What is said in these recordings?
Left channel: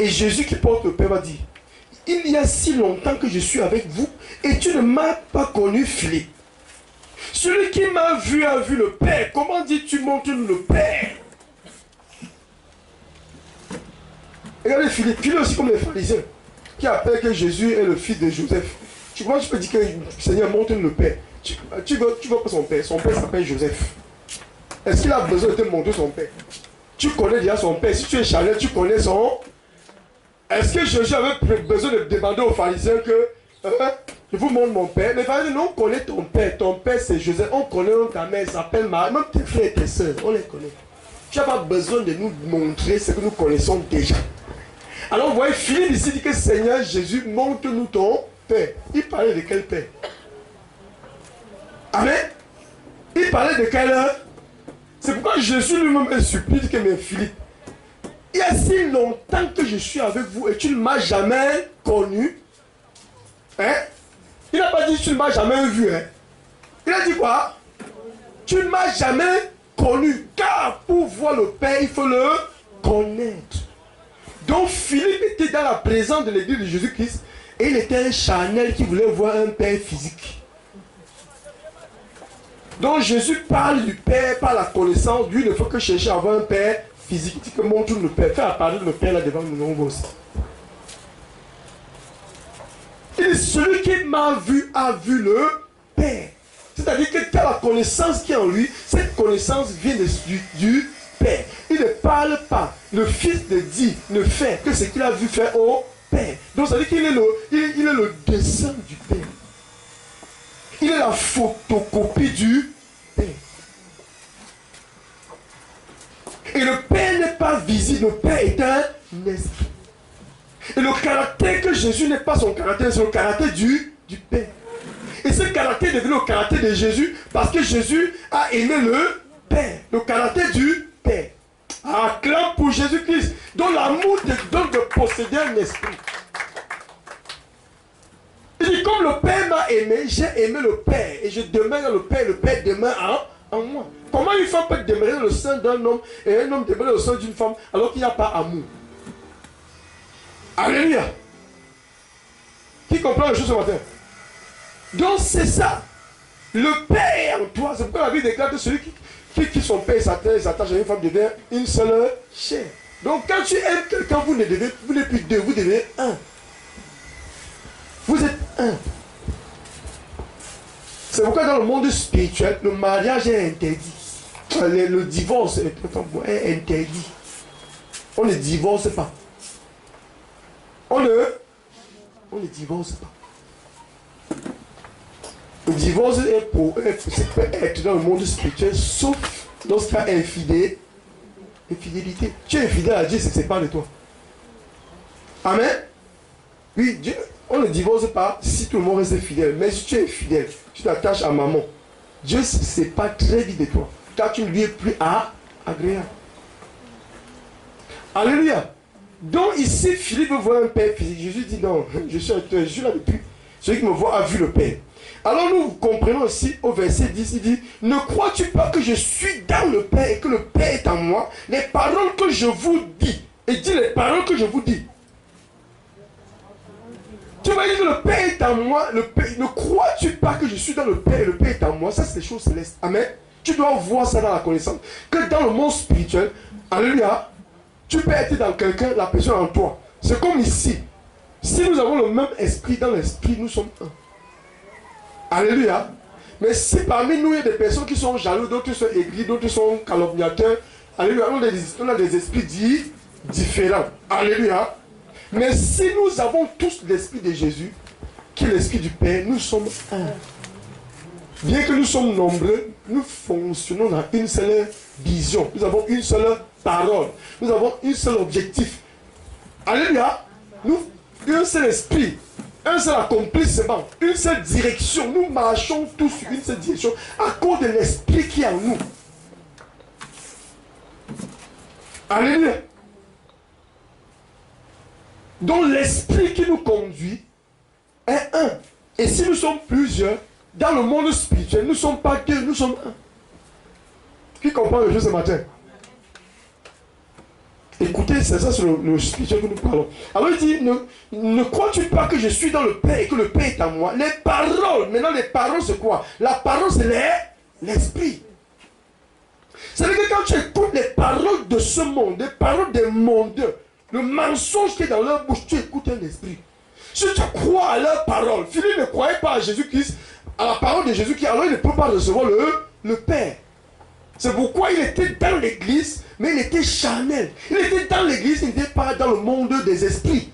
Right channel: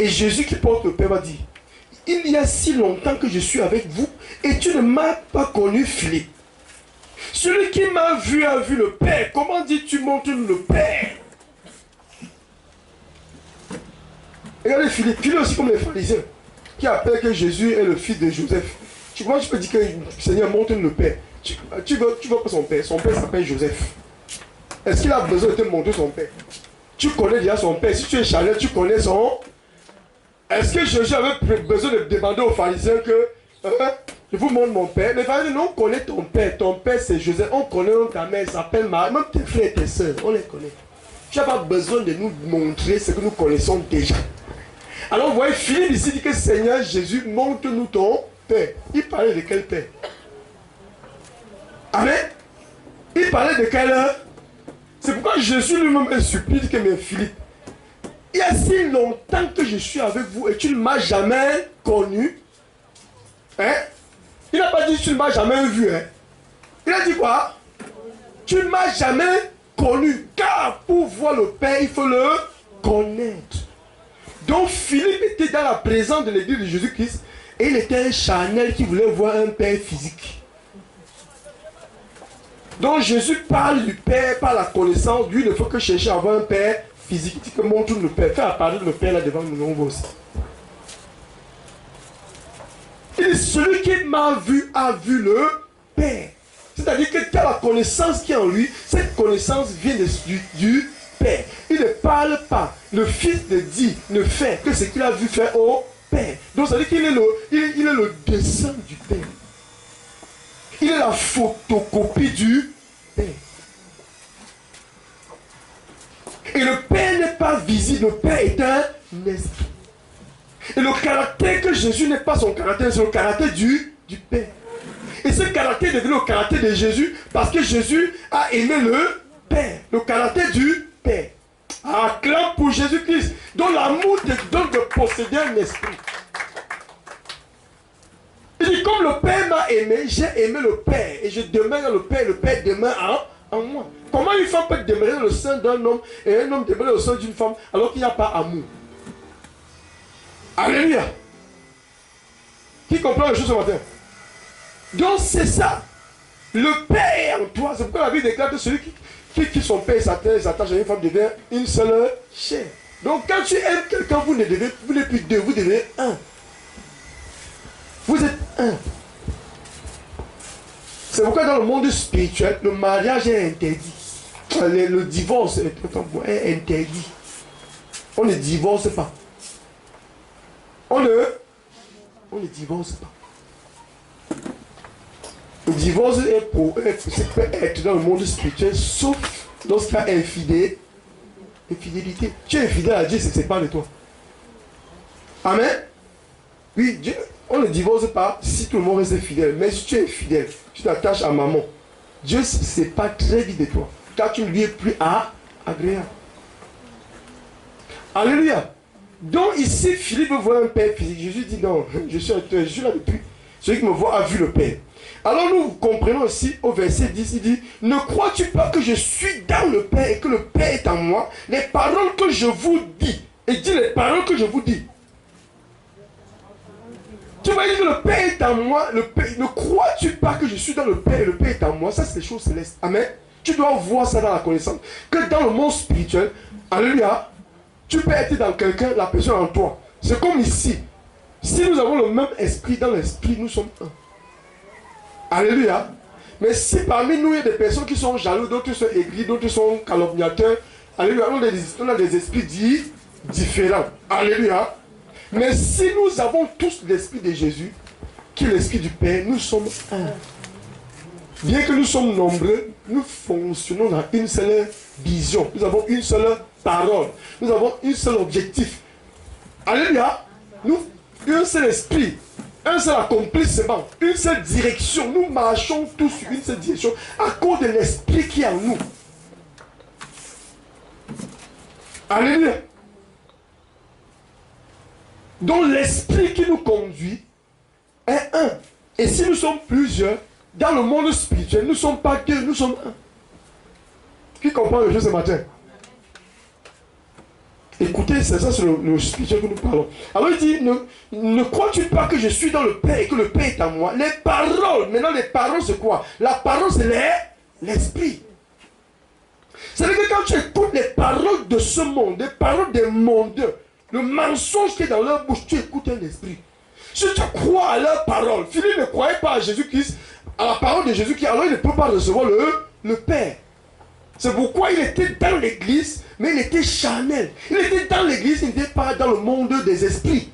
Et Jésus qui porte le Père va dire, il y a si longtemps que je suis avec vous et tu ne m'as pas connu, Philippe. Celui qui m'a vu a vu le Père. Comment dis-tu montre-nous le Père? Regardez Philippe, Philippe aussi comme les pharisiens qui appellent que Jésus est le fils de Joseph. Comment tu peux dire que le Seigneur montre-nous le Père? Tu veux pas son Père s'appelle Joseph. Est-ce qu'il a besoin de te montrer son Père? Tu connais déjà son Père. Si tu es charnel, tu connais son... Est-ce que Jésus avait besoin de demander aux pharisiens que je vous montre mon Père? Les pharisiens, nous, on connaît ton Père. Ton Père, c'est Joseph. On connaît ta mère, elle s'appelle Marie. Même tes frères et tes soeurs, on les connaît. Tu n'as pas besoin de nous montrer ce que nous connaissons déjà. Alors, vous voyez, Philippe ici dit que Seigneur Jésus, montre-nous ton Père. Il parlait de quel Père? Amen. Il parlait de quelle heure? C'est pourquoi Jésus lui-même supplie que mes Philippe, il y a si longtemps que je suis avec vous et tu ne m'as jamais connu. Hein? Il n'a pas dit tu ne m'as jamais vu. Hein? Il a dit quoi? Tu ne m'as jamais connu. Car pour voir le Père, il faut le connaître. Donc Philippe était dans la présence de l'église de Jésus-Christ et il était un charnel qui voulait voir un Père physique. Donc Jésus parle du Père par la connaissance. Lui, il ne faut que chercher à avoir un Père physique. Il dit que montre-nous le Père. Fais apparaître le Père là devant nous, on voit aussi. Il dit, celui qui m'a vu a vu le Père. C'est-à-dire que tu as la connaissance qui est en lui. Cette connaissance vient du Père. Il ne parle pas. Le Fils ne dit, ne fait que ce qu'il a vu faire au Père. Donc ça veut dire qu'il est le dessin du Père. Il est la photocopie du Père. Et le Père n'est pas visible, le Père est un esprit. Et le caractère que Jésus n'est pas son caractère, c'est le caractère du Père. Et ce caractère devient le caractère de Jésus parce que Jésus a aimé le Père, le caractère du Père. Acclame pour Jésus-Christ, dont l'amour te donne de posséder un esprit. Il dit, comme le Père m'a aimé, j'ai aimé le Père. Et je demeure dans le Père demeure en moi. Comment une femme peut demeurer dans le sein d'un homme et un homme demeurer dans le sein d'une femme alors qu'il n'y a pas amour? Alléluia. Qui comprend les choses ce matin? Donc c'est ça. Le Père est en toi. C'est pourquoi la Bible déclare que celui qui son Père s'attache à une femme devient une seule chair. Donc quand tu aimes quelqu'un, vous n'êtes plus deux, vous devenez un. Vous êtes un. C'est pourquoi dans le monde spirituel, le mariage est interdit. Le divorce est interdit. On ne divorce pas. On ne divorce pas. Le divorce peut être dans le monde spirituel, sauf lorsqu'il y a infidélité. Tu es infidèle à Dieu, c'est pas de toi. Amen. Oui, Dieu, on ne divorce pas si tout le monde reste fidèle. Mais si tu es fidèle, tu t'attaches à maman, Dieu ne sait pas très vite de toi. Car tu ne lui es plus agréable. Alléluia. Donc ici, Philippe voit un Père physique. Jésus dit non, je suis là depuis. Celui qui me voit a vu le Père. Alors nous comprenons aussi au verset 10, il dit, ne crois-tu pas que je suis dans le Père et que le Père est en moi? Les paroles que je vous dis, et dit les paroles que je vous dis. Tu vas dire que le Père est en moi, ne crois-tu pas que je suis dans le Père et le Père est en moi? Ça c'est les choses célestes. Amen. Tu dois voir ça dans la connaissance. Que dans le monde spirituel, alléluia, tu peux être dans quelqu'un, la personne en toi. C'est comme ici. Si nous avons le même esprit, dans l'esprit, nous sommes un. Alléluia. Mais si parmi nous, il y a des personnes qui sont jaloux, d'autres sont aigris, d'autres sont calomniateurs, alléluia, on a des esprits différents. Alléluia. Mais si nous avons tous l'esprit de Jésus, qui est l'esprit du Père, nous sommes un. Bien que nous sommes nombreux, nous fonctionnons dans une seule vision. Nous avons une seule parole. Nous avons un seul objectif. Alléluia. Nous, un seul esprit. Un seul accomplissement, une seule direction. Nous marchons tous sur une seule direction à cause de l'esprit qui est en nous. Alléluia. Donc l'esprit qui nous conduit est un. Et si nous sommes plusieurs, dans le monde spirituel, nous ne sommes pas deux, nous sommes un. Qui comprend le jeu ce matin? Écoutez, c'est ça, c'est le spirituel que nous parlons. Alors il dit, ne crois-tu pas que je suis dans le Père et que le Père est en moi? Les paroles, maintenant les paroles c'est quoi? La parole c'est l'esprit. C'est-à-dire que quand tu écoutes les paroles de ce monde, les paroles des mondes, le mensonge qui est dans leur bouche, tu écoutes un esprit. Si tu crois à leurs paroles, Philippe ne croyait pas à Jésus-Christ, à la parole de Jésus-Christ, alors il ne peut pas recevoir le Père. C'est pourquoi il était dans l'église, mais il était charnel. Il était dans l'église, il n'était pas dans le monde des esprits.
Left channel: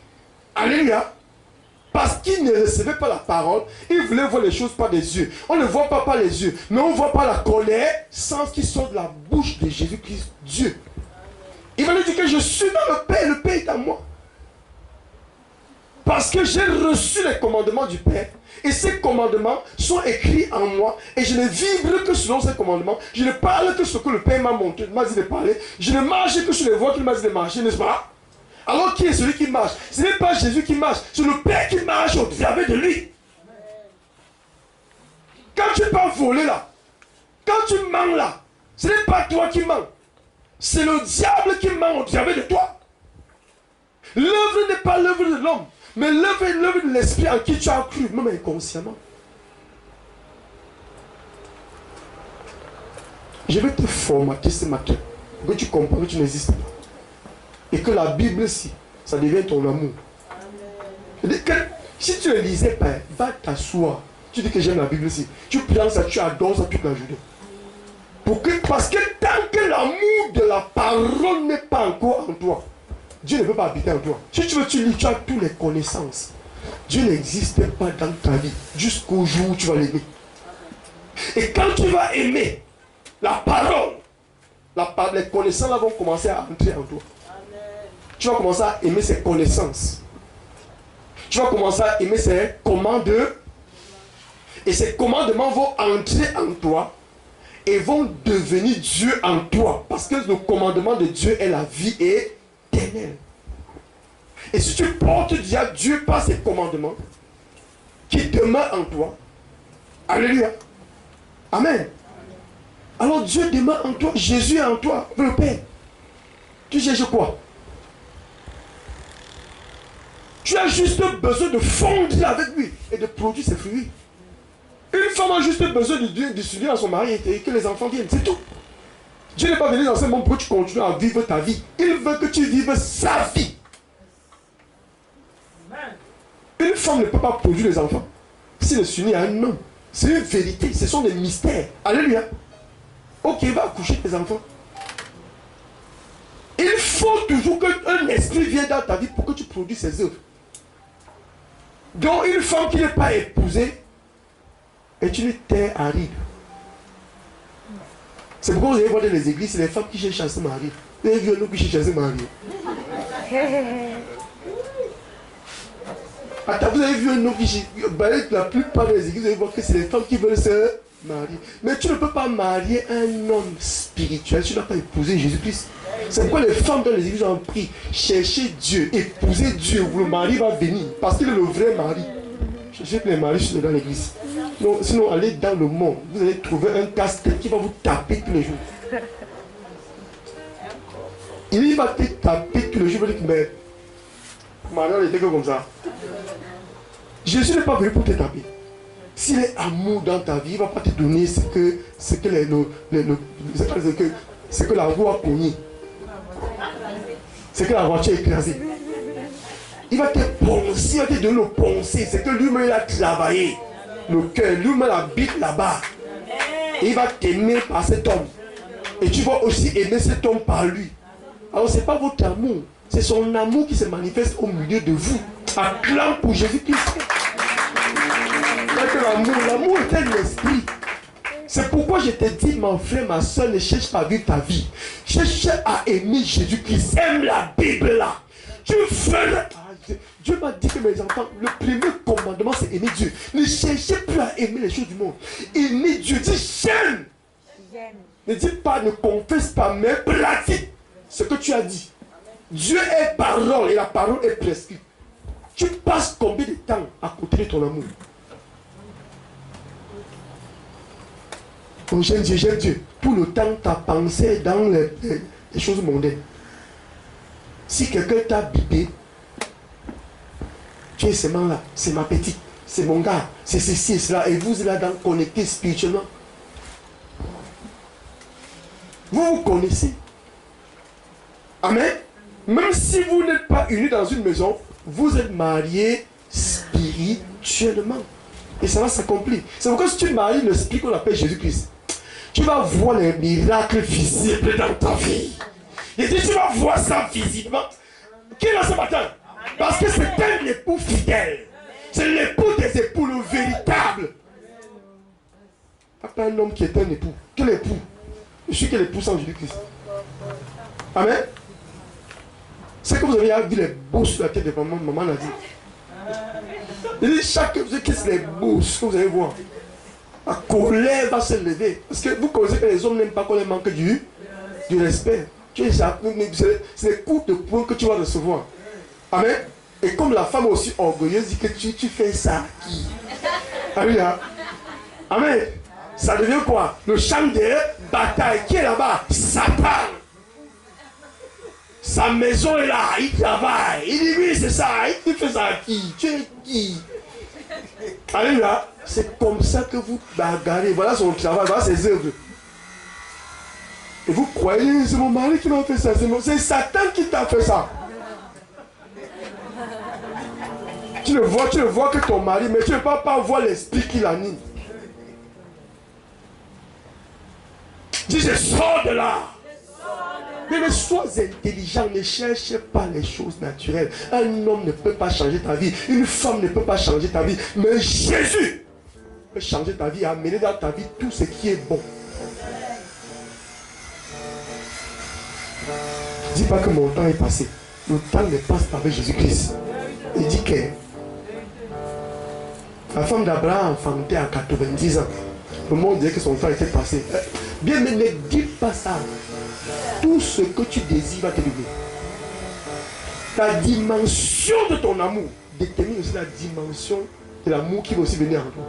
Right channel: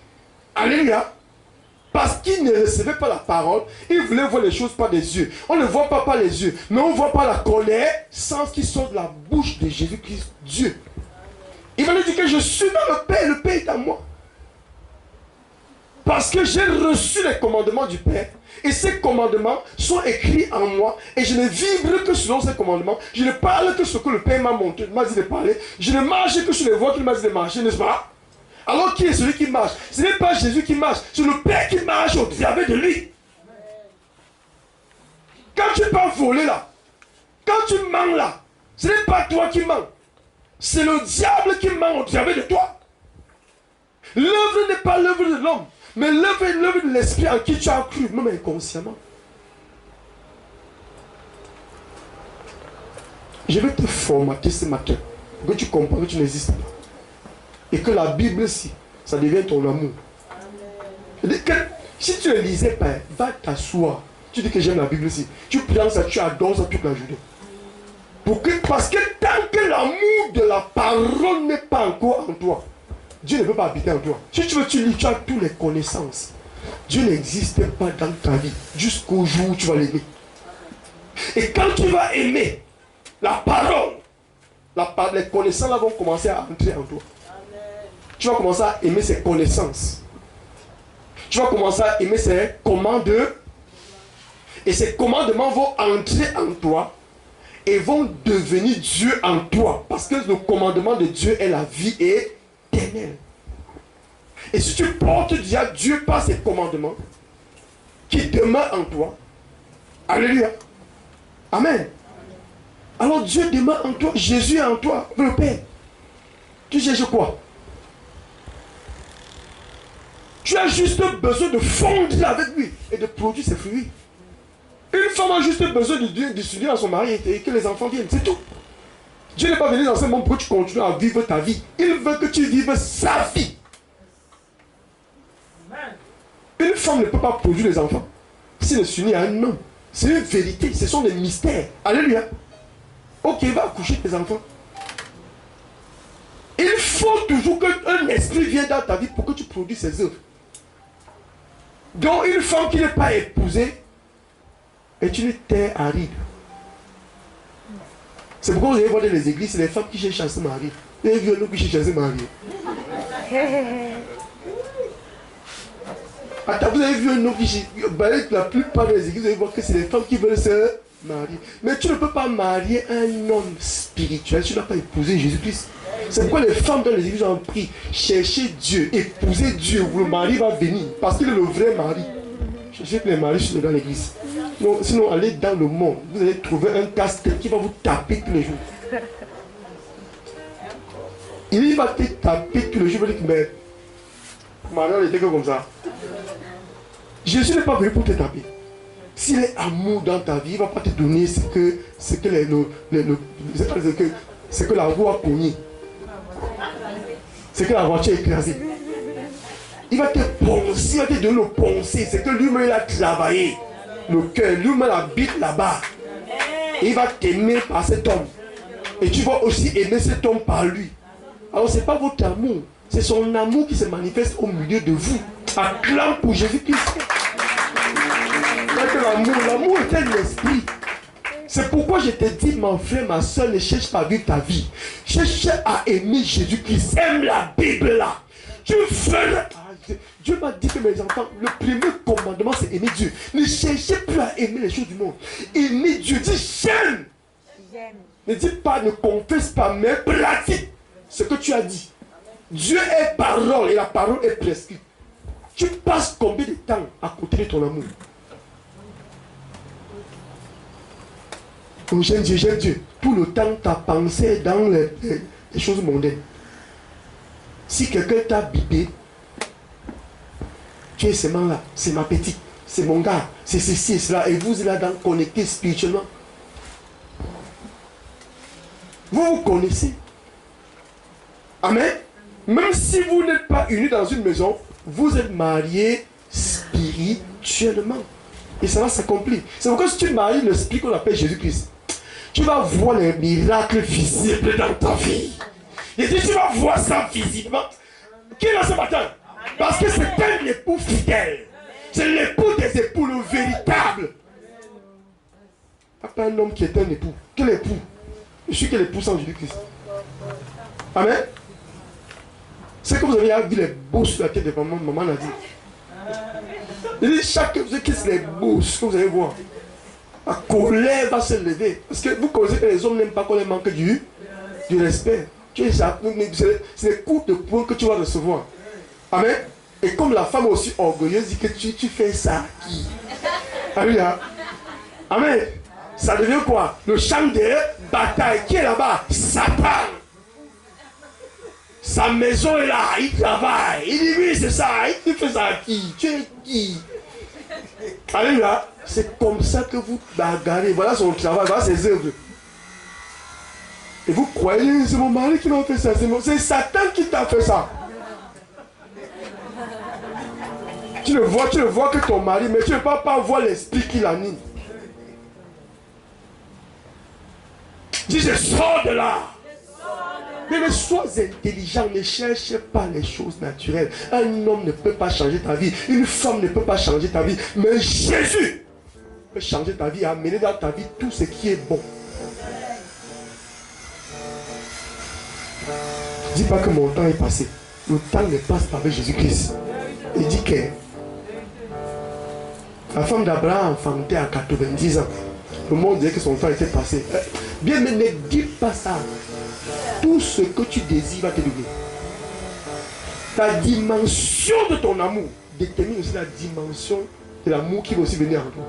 Alléluia. Parce qu'il ne recevait pas la parole, il voulait voir les choses par les yeux. On ne voit pas par les yeux, mais on voit par la connaissance qui sort de la bouche de Jésus-Christ, Dieu. Il va lui dire que je suis dans le Père est en moi. Parce que j'ai reçu les commandements du Père. Et ces commandements sont écrits en moi. Et je ne vibre que selon ces commandements. Je ne parle que ce que le Père m'a montré, m'a dit de parler. Je ne marche que sur les voies qu'il m'a dit de marcher, n'est-ce pas? Alors qui est celui qui marche? Ce n'est pas Jésus qui marche. C'est le Père qui marche au travers de lui. Quand tu pars voler là, quand tu mens là, ce n'est pas toi qui mens. C'est le diable qui ment au travers de toi. L'œuvre n'est pas l'œuvre de l'homme. Mais l'œuvre est l'œuvre de l'esprit en qui tu as cru, même inconsciemment. Je vais te formater ce matin, pour que tu comprennes que tu n'existes pas. Et que la Bible, si, ça devient ton amour. Que, si tu ne lisais pas, va t'asseoir. Tu dis que j'aime la Bible, si. Tu prends ça, tu adores ça toute la journée. Parce que tant que l'amour de la parole n'est pas encore en toi, Dieu ne peut pas habiter en toi. Si tu veux, tu lis, tu as toutes les connaissances. Dieu n'existe pas dans ta vie jusqu'au jour où tu vas l'aimer. Et quand tu vas aimer la parole, les connaissances là vont commencer à entrer en toi. Tu vas commencer à aimer ses connaissances. Tu vas commencer à aimer ses commandements. Et ces commandements vont entrer en toi et vont devenir Dieu en toi. Parce que le commandement de Dieu est la vie éternelle. Et si tu portes déjà Dieu par ses commandements qui demeurent en toi, alléluia, amen. Alors Dieu demeure en toi, Jésus est en toi, le Père. Tu cherches quoi? Tu as juste besoin de fondre avec lui et de produire ses fruits. Une femme a juste besoin de s'unir à son mari et que les enfants viennent, c'est tout. Dieu n'est pas venu dans ce monde pour que tu continues à vivre ta vie. Il veut que tu vives sa vie. Une femme ne peut pas produire les enfants s'il ne s'unit à un homme. C'est une vérité, ce sont des mystères. Alléluia. Ok, va accoucher tes enfants. Il faut toujours qu'un esprit vienne dans ta vie pour que tu produises ses œuvres. Donc une femme qui n'est pas épousée est une terre aride. C'est pourquoi vous allez voir dans les églises, c'est les femmes qui cherchent à se marier. Vous avez vu un homme qui cherche à se marier. Attends, vous avez vu un homme qui cherche. La plupart des églises, vous allez voir que c'est les femmes qui veulent se marier. Mais tu ne peux pas marier un homme spirituel. Tu n'as pas épousé Jésus-Christ. C'est pourquoi les femmes dans les églises ont pris chercher Dieu, épouser Dieu, où le mari va venir. Parce qu'il est le vrai mari. Je sais que les maris sont dans l'église. Sinon, allez dans le monde. Vous allez trouver un casse-tête qui va vous taper tous les jours. Il va te taper tous les jours. Il va dire, mais maintenant, il était comme ça. Jésus n'est pas venu pour te taper. S'il est amour dans ta vie, il ne va pas te donner ce que la roue a cogné. C'est que la voiture est écrasée. Il va te poncer, il va te donner le poncer. C'est que lui-même il a travaillé. Le cœur, lui-même habite là-bas. Et il va t'aimer par cet homme. Et tu vas aussi aimer cet homme par lui. Alors ce n'est pas votre amour. C'est son amour qui se manifeste au milieu de vous. Acclame pour Jésus-Christ. L'amour est un esprit. C'est pourquoi je te dis, mon frère, ma soeur, ne cherche pas à vivre ta vie. Cherche à aimer Jésus-Christ. Aime la Bible là. Tu feras. Dieu m'a dit que mes enfants, le premier commandement c'est aimer Dieu. Ne cherchez plus à aimer les choses du monde. Aimez Dieu. Dis j'aime. Ne dis pas, ne confesse pas, mais pratique ce que tu as dit. Dieu est parole et la parole est prescrite. Tu passes combien de temps à côté de ton amour? Oh, j'aime Dieu, j'aime Dieu. Tout le temps, ta pensée est dans les choses mondaines. Si quelqu'un t'a bipé, tu es seulement là, c'est ma petite, c'est mon gars, c'est ceci et cela, et vous êtes là dans connecté spirituellement. Vous vous connaissez. Amen. Même si vous n'êtes pas unis dans une maison, vous êtes mariés spirituellement. Et ça va s'accomplir. C'est pourquoi si tu maries le spirit qu'on appelle Jésus-Christ, tu vas voir les miracles visibles dans ta vie. Et si tu vas voir ça visiblement, qui est là ce matin? Parce que c'est un époux fidèle. C'est l'époux des époux, le véritable. Pas un homme qui est un époux. Quel époux? Je suis quel époux sans Jésus-Christ? Amen. C'est que vous avez vu les bouches sur la tête de maman, maman l'a dit. Il dit chaque vous qui c'est les bouches que vous allez voir. La colère va se lever. Parce que vous connaissez que les hommes n'aiment pas qu'on les manque du respect. C'est les coups de poing que tu vas recevoir. Amen. Et comme la femme aussi orgueilleuse dit que tu fais ça à qui? Alléluia. Amen. Ça devient quoi? Le champ de bataille. Qui est là-bas? Satan. Sa maison est là, il travaille. Il dit oui, c'est ça. Il fait ça à qui? Tu es qui? Alléluia. C'est comme ça que vous bagarrez. Voilà son travail, voilà ses œuvres. Et vous croyez, c'est mon mari qui m'a fait ça. C'est Satan qui t'a fait ça. Tu ne vois que ton mari, mais tu ne peux pas voir l'esprit qui l'anime. Dis, je sors de là. Mais sois intelligent, ne cherche pas les choses naturelles. Un homme ne peut pas changer ta vie. Une femme ne peut pas changer ta vie. Mais Jésus peut changer ta vie et amener dans ta vie tout ce qui est bon. Dis pas que mon temps est passé. Le temps ne passe pas avec Jésus-Christ. Il dit que la femme d'Abraham enfantait à 90 ans. Le monde disait que son temps était passé. Bien, mais ne dis pas ça. Tout ce que tu désires va te donner. Ta dimension de ton amour détermine aussi la dimension de l'amour qui va aussi venir en toi.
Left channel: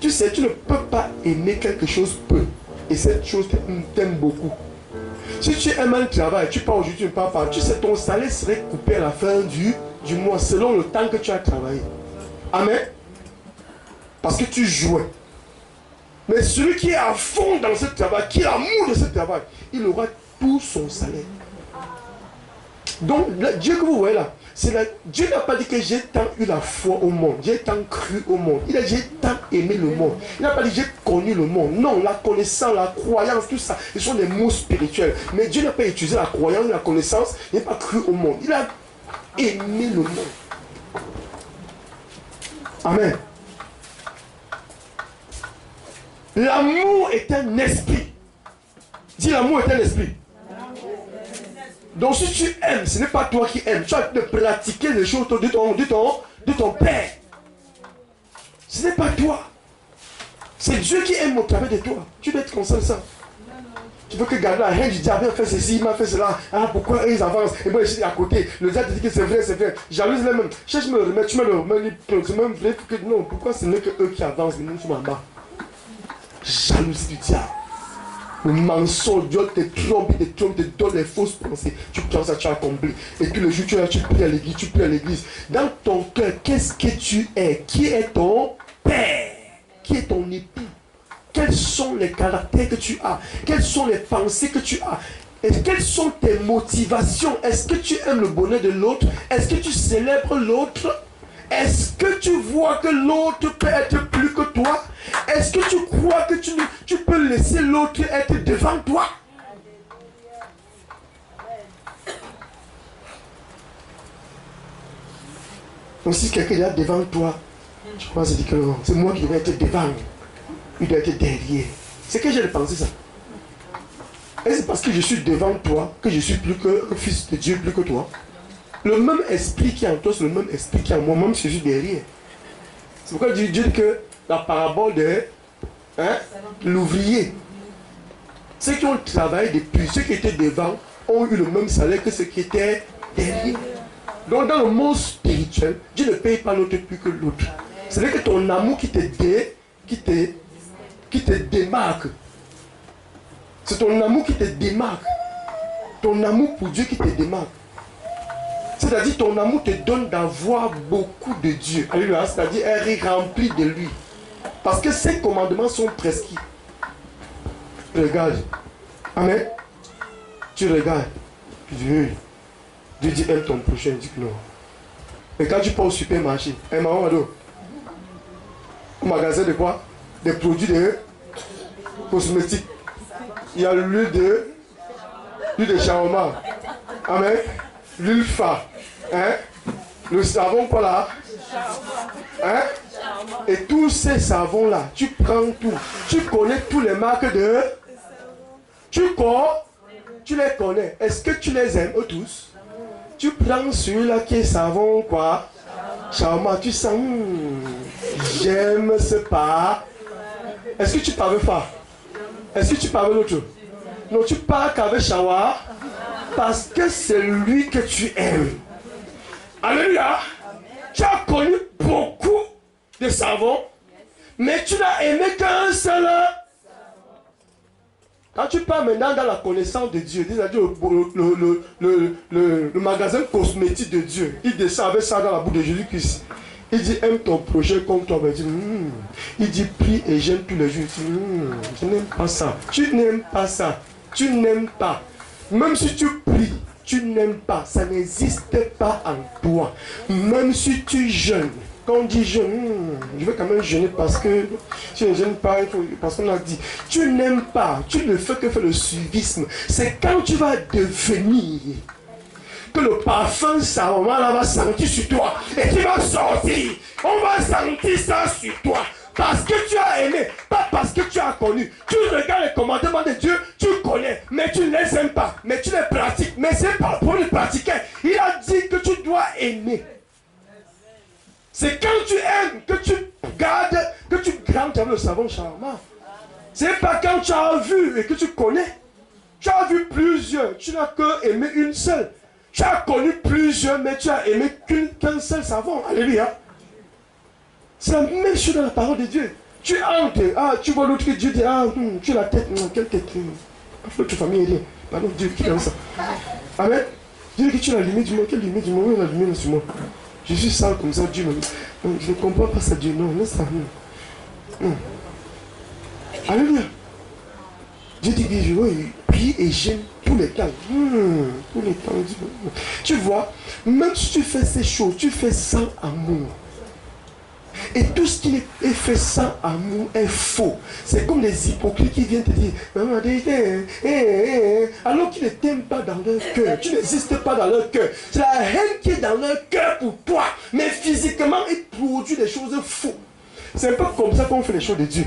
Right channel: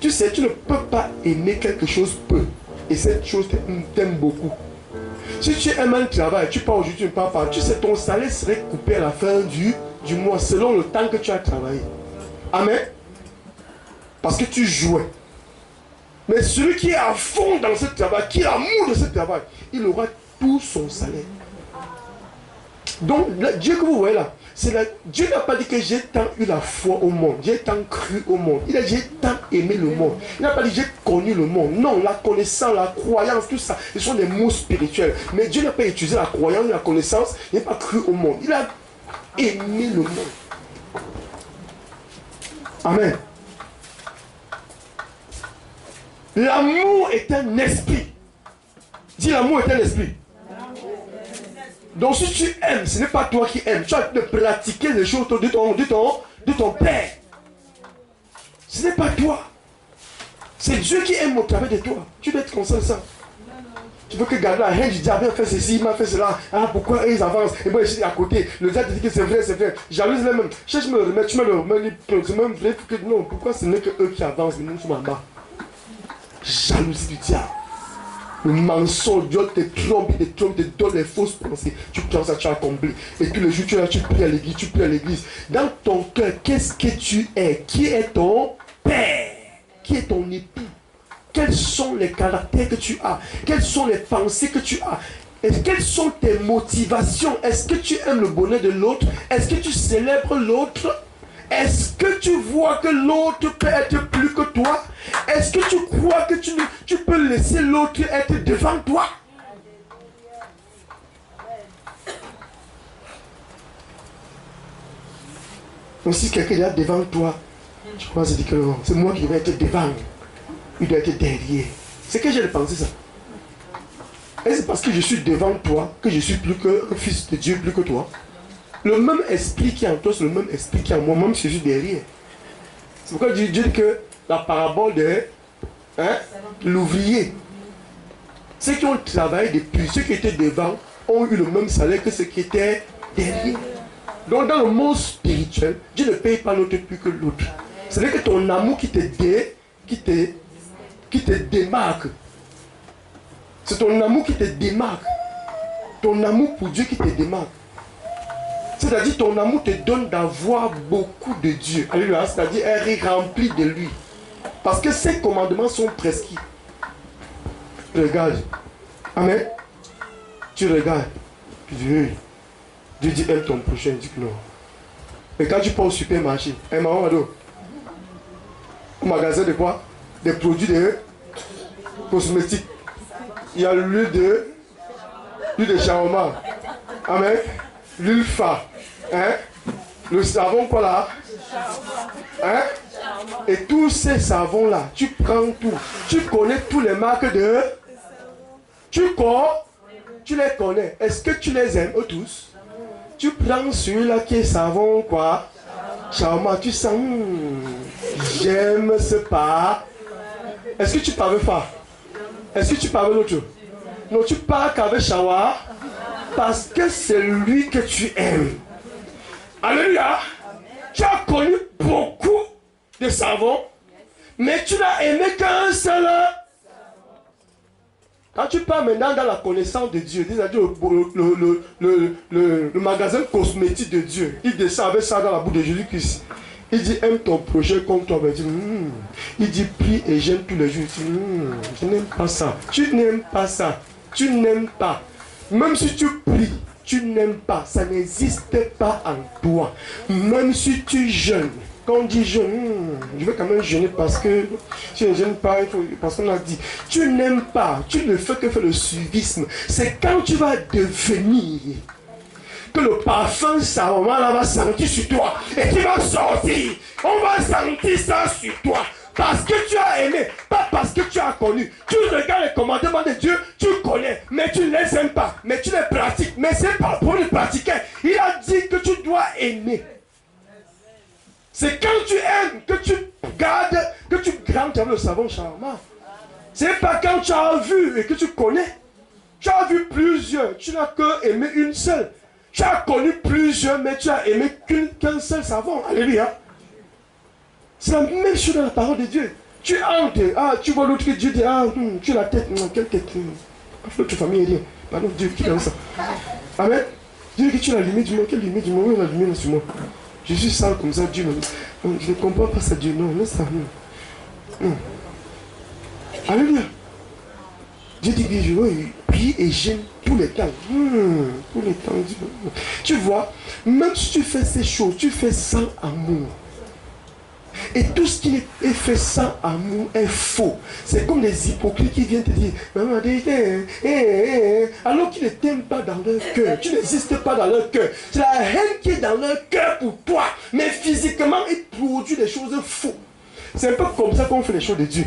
Tu sais, tu ne peux pas aimer quelque chose peu. Et cette chose t'aime beaucoup. Si tu aimes un travail, tu pars aujourd'hui, tu ne pars pas. Tu sais, ton salaire serait coupé à la fin du mois selon le temps que tu as travaillé. Amen. Parce que tu jouais. Mais celui qui est à fond dans ce travail, qui a l'amour de ce travail, il aura tout son salaire. Donc, le Dieu que vous voyez là, Dieu n'a pas dit que j'ai tant eu la foi au monde, j'ai tant cru au monde. Il a dit j'ai tant aimé le monde. Il n'a pas dit j'ai connu le monde. Non, la connaissance, la croyance, tout ça, ce sont des mots spirituels. Mais Dieu n'a pas utilisé la croyance, la connaissance, il n'a pas cru au monde. Il a aimé le monde. Amen. L'amour est un esprit. Dis l'amour est un esprit. Donc si tu aimes, ce n'est pas toi qui aimes. Tu as de pratiquer les choses de ton père. Ce n'est pas toi. C'est Dieu qui aime au travers de toi. Tu dois être conscient de ça. Tu veux que garder la haine du diable, fait ceci, il m'a fait cela. Ah, pourquoi ils avancent? Et moi je suis à côté. Le diable dit que c'est vrai, c'est vrai. Jalouse les mêmes. Cherche me remettre, tu me le remets. C'est même vrai que non. Pourquoi ce n'est que eux qui avancent, mais nous sommes en bas? Jalousie du diable. Le mensonge, Dieu te trompe, te donne les fausses pensées. Tu penses que tu as accompli. Et tous les jours, tu pries à l'église, tu pries à l'église. Dans ton cœur, qu'est-ce que tu es? Qui est ton père? Qui est ton époux? Quels sont les caractères que tu as? Quelles sont les pensées que tu as? Et quelles sont tes motivations? Est-ce que tu aimes le bonheur de l'autre? Est-ce que tu célèbres l'autre? Est-ce que tu vois que l'autre peut être plus que toi? Est-ce que tu crois que tu peux laisser l'autre être devant toi? Donc si quelqu'un est là devant toi, tu commences à dire que non, c'est moi qui devais être devant. Il doit être derrière. C'est que j'ai pensé ça. Et c'est parce que je suis devant toi que je suis plus que un fils de Dieu, plus que toi. Le même esprit qui est en toi, c'est le même esprit qui est en moi, même si je suis derrière. C'est pourquoi Dieu dit que la parabole de l'ouvrier, ceux qui ont travaillé depuis, ceux qui étaient devant, ont eu le même salaire que ceux qui étaient derrière. Donc dans le monde spirituel, Dieu ne paye pas l'autre plus que l'autre. C'est que ton amour qui te démarque. C'est ton amour qui te démarque. Ton amour pour Dieu qui te démarque. C'est-à-dire ton amour te donne d'avoir beaucoup de Dieu. Alléluia. C'est-à-dire elle est remplie de lui. Parce que ces commandements sont prescrits. Regarde. Amen. Tu regardes. Dieu dit aime ton prochain. Il dit que non. Et quand tu pars au supermarché, maman, au magasin de quoi? Des produits de cosmétiques. Il y a l'huile de shawarma. Amen. L'huile fa. Hein? Le savon quoi là? Hein? Et tous ces savons là, tu prends tout. Tu connais tous les marques de... Tu les connais. Est-ce que tu les aimes eux tous? Tu prends celui-là qui est savon quoi? Shawarma, tu sens... j'aime ce pas. Est-ce que tu parles pas? Est-ce que tu parles l'autre? Non, tu parles qu'avec shawarma parce que c'est lui que tu aimes. Alléluia. Tu as connu beaucoup de savons, mais tu n'as aimé qu'un seul. Quand tu pars maintenant dans la connaissance de Dieu, c'est-à-dire le magasin cosmétique de Dieu, il descend avec ça dans la bouche de Jésus-Christ. Il dit aime ton prochain comme toi. Il dit prie et j'aime tous les jours. Il dit, je n'aime pas ça. Tu n'aimes pas ça. Tu n'aimes pas. Même si tu pries, tu n'aimes pas. Ça n'existe pas en toi. Même si tu jeûnes. Quand on dit jeûne, je vais quand même jeûner parce que si je ne jeûne pas, parce qu'on a dit, tu n'aimes pas, tu ne fais que faire le suivisme. C'est quand tu vas devenir que le parfum, ça, on va sentir sur toi. Et tu vas sortir. On va sentir ça sur toi. Parce que tu as aimé, pas parce que tu as connu. Tu regardes les commandements de Dieu, tu connais, mais tu ne les aimes pas. Mais tu les pratiques. Mais c'est pas pour les pratiquer. Il a dit que tu dois aimer. C'est quand tu aimes que tu gardes, que tu grandes le savon charmant. C'est pas quand tu as vu et que tu connais. Tu as vu plusieurs, tu n'as que aimé une seule. Tu as connu plusieurs, mais tu as aimé qu'un seul savon. Alléluia. C'est la même chose dans la parole de Dieu. Tu entres, tu vois l'autre que Dieu dit, tu as la tête, quelle tête? L'autre famille est rien. Pardon, Dieu qui donne ça. Amen. Dieu dit que tu as la lumière du monde. Quelle lumière du monde? Oui, la lumière sur moi. Je suis sale comme ça, Dieu me dit. Je ne comprends pas ça, Dieu. Non, laisse ça. Alléluia. Dieu dit que je prie et j'aime tous les temps. Tous les temps. Tu vois, même si tu fais ces choses, tu fais sans amour. Et tout ce qui est fait sans amour est faux. C'est comme les hypocrites qui viennent te dire, alors qu'ils ne t'aiment pas dans leur cœur. Tu n'existes pas dans leur cœur. C'est la haine qui est dans leur cœur pour toi. Mais physiquement, ils produisent des choses fausses. C'est un peu comme ça qu'on fait les choses de Dieu.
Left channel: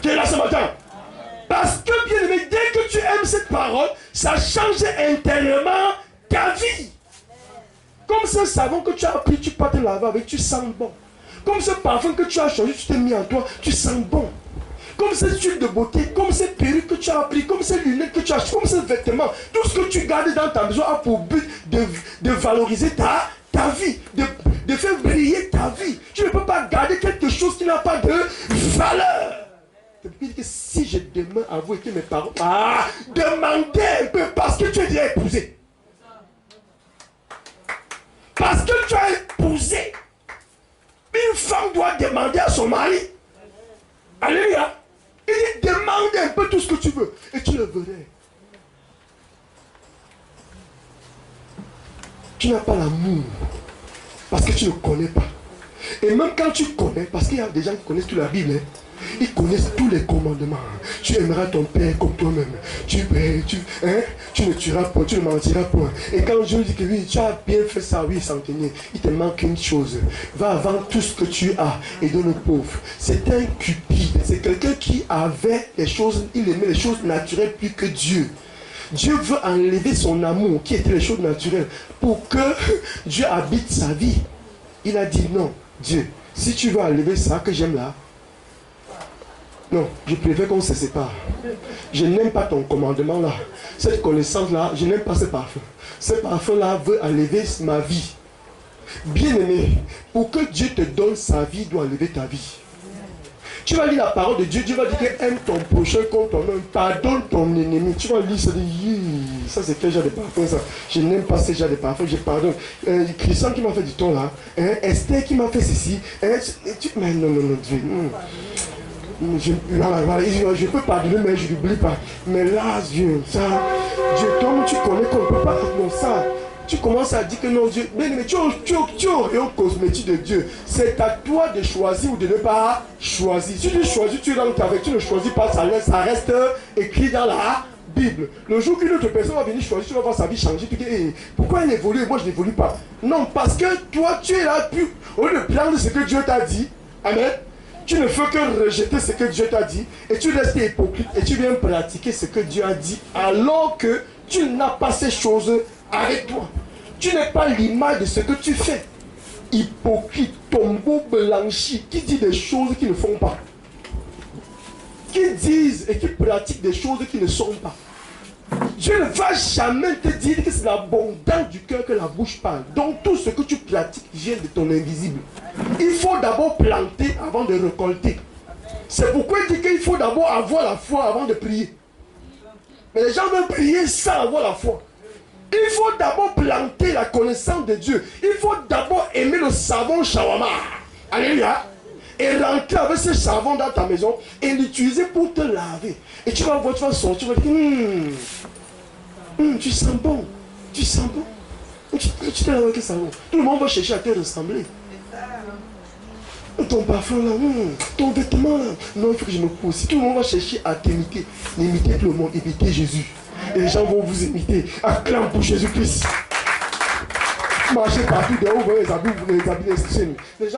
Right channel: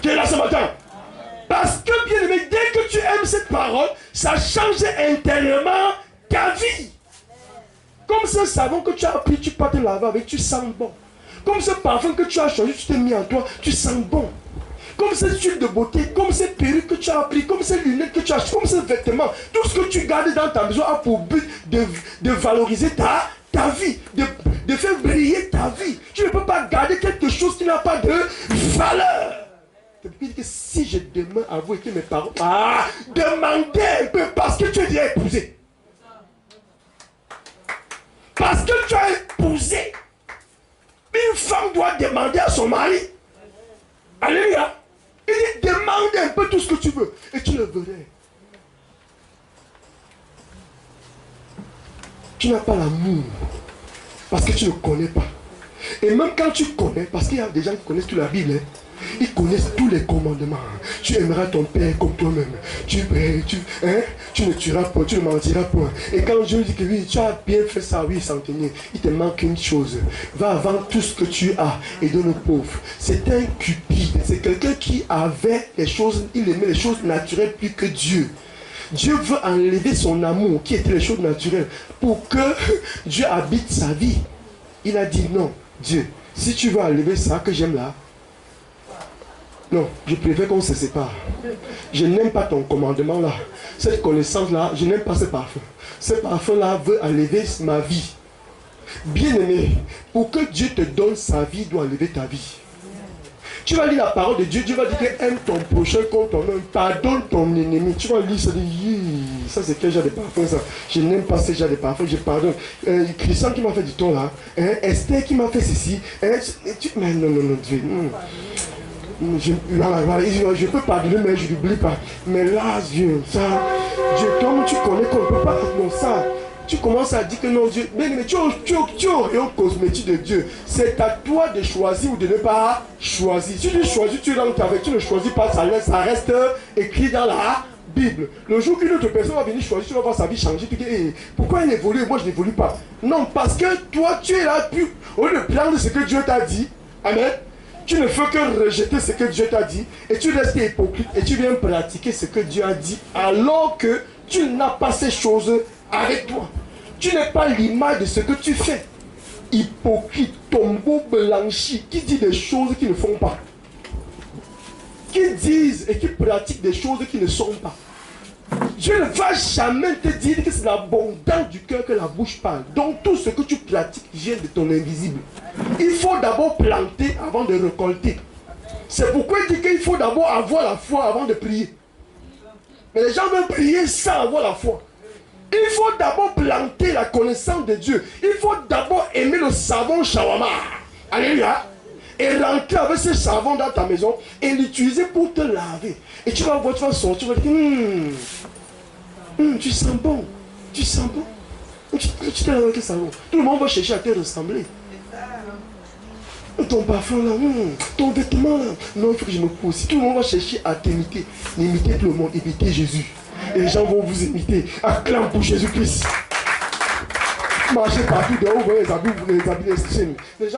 Qui est là ce matin? Parce que, bien aimé, dès que tu aimes cette parole, ça change intérieurement ta vie. Comme ce savon que tu as pris, tu peux te laver avec, tu sens bon. Comme ce parfum que tu as changé, tu t'es mis en toi, tu sens bon. Comme cette huile de beauté, comme ces perruques que tu as pris, comme ces lunettes que tu as, comme ces vêtements, tout ce que tu gardes dans ta maison a pour but de valoriser ta vie, de faire briller ta vie. Tu ne peux pas garder quelque chose qui n'a pas de valeur. C'est-à-dire que si je demande à vous et que mes parents, demandez un peu parce que tu es déjà épousé. Parce que tu as épousé. Une femme doit demander à son mari. Alléluia. Il dit demande un peu tout ce que tu veux. Et tu le verras. Tu n'as pas l'amour. Parce que tu ne connais pas. Et même quand tu connais, parce qu'il y a des gens qui connaissent toute la Bible. Ils connaissent tous les commandements. Tu aimeras ton père comme toi-même. Tu ne tueras pas, tu ne mentiras point. Et quand Dieu dit que oui, tu as bien fait ça, oui, centenier, il te manque une chose. Va vendre tout ce que tu as et donne aux pauvres. C'est un cupide. C'est quelqu'un qui avait les choses, il aimait les choses naturelles plus que Dieu. Dieu veut enlever son amour, qui était les choses naturelles, pour que Dieu habite sa vie. Il a dit non, Dieu, si tu veux enlever ça que j'aime là, non, je préfère qu'on se sépare. Je n'aime pas ton commandement là. Cette connaissance là, je n'aime pas ce parfum. Ce parfum là veut enlever ma vie. Bien aimé, pour que Dieu te donne sa vie, il doit enlever ta vie. Tu vas lire la parole de Dieu, Dieu va dire que aime ton prochain comme toi-même, pardonne ton ennemi. Tu vas lire ça, ça c'est quel genre de parfum ça? Je n'aime pas ce genre de parfum, je pardonne. Christian qui m'a fait du ton là, Esther qui m'a fait ceci, mais non, Dieu. Je peux pardonner, mais je n'oublie pas. Mais là, Dieu, ça, Dieu, comme tu connais qu'on ne peut pas non ça. Tu commences à dire que non, Dieu, mais tu es un cosmétique de Dieu. C'est à toi de choisir ou de ne pas choisir. Si tu choisis, tu es dans le travail, tu ne choisis pas, ça reste écrit dans la Bible. Le jour qu'une autre personne va venir choisir, tu vas voir sa vie changer. Tu dis, hey, pourquoi elle évolue et moi je n'évolue pas? Non, parce que toi, tu es là, au lieu de prendre ce que Dieu t'a dit, amen, tu ne fais que rejeter ce que Dieu t'a dit et tu restes hypocrite et tu viens pratiquer ce que Dieu a dit alors que tu n'as pas ces choses avec toi. Tu n'es pas l'image de ce que tu fais. Hypocrite, tombeau blanchi, qui dit des choses qui ne font pas. Qui disent et qui pratiquent des choses qui ne sont pas. Dieu ne va jamais te dire que c'est l'abondance du cœur que la bouche parle. Donc tout ce que tu pratiques vient de ton invisible. Il faut d'abord planter avant de récolter. C'est pourquoi il dit qu'il faut d'abord avoir la foi avant de prier. Mais les gens veulent prier sans avoir la foi. Il faut d'abord planter la connaissance de Dieu. Il faut d'abord aimer le savon shawarma. Alléluia. Et rentrer avec ce savon dans ta maison et l'utiliser pour te laver. Et tu vas voir, tu vas sortir, tu vas dire, tu sens bon. Tu sens bon. Tu te laves avec le savon. Tout le monde va chercher à te ressembler. Ton parfum là, ton vêtement là. Non, il faut que je me pousse. Tout le monde va chercher à t'imiter. N'imiter tout le monde, imiter Jésus. Et les gens vont vous imiter. Acclame pour Jésus-Christ. Marchez partout dehors, vous voyez les habits, les gens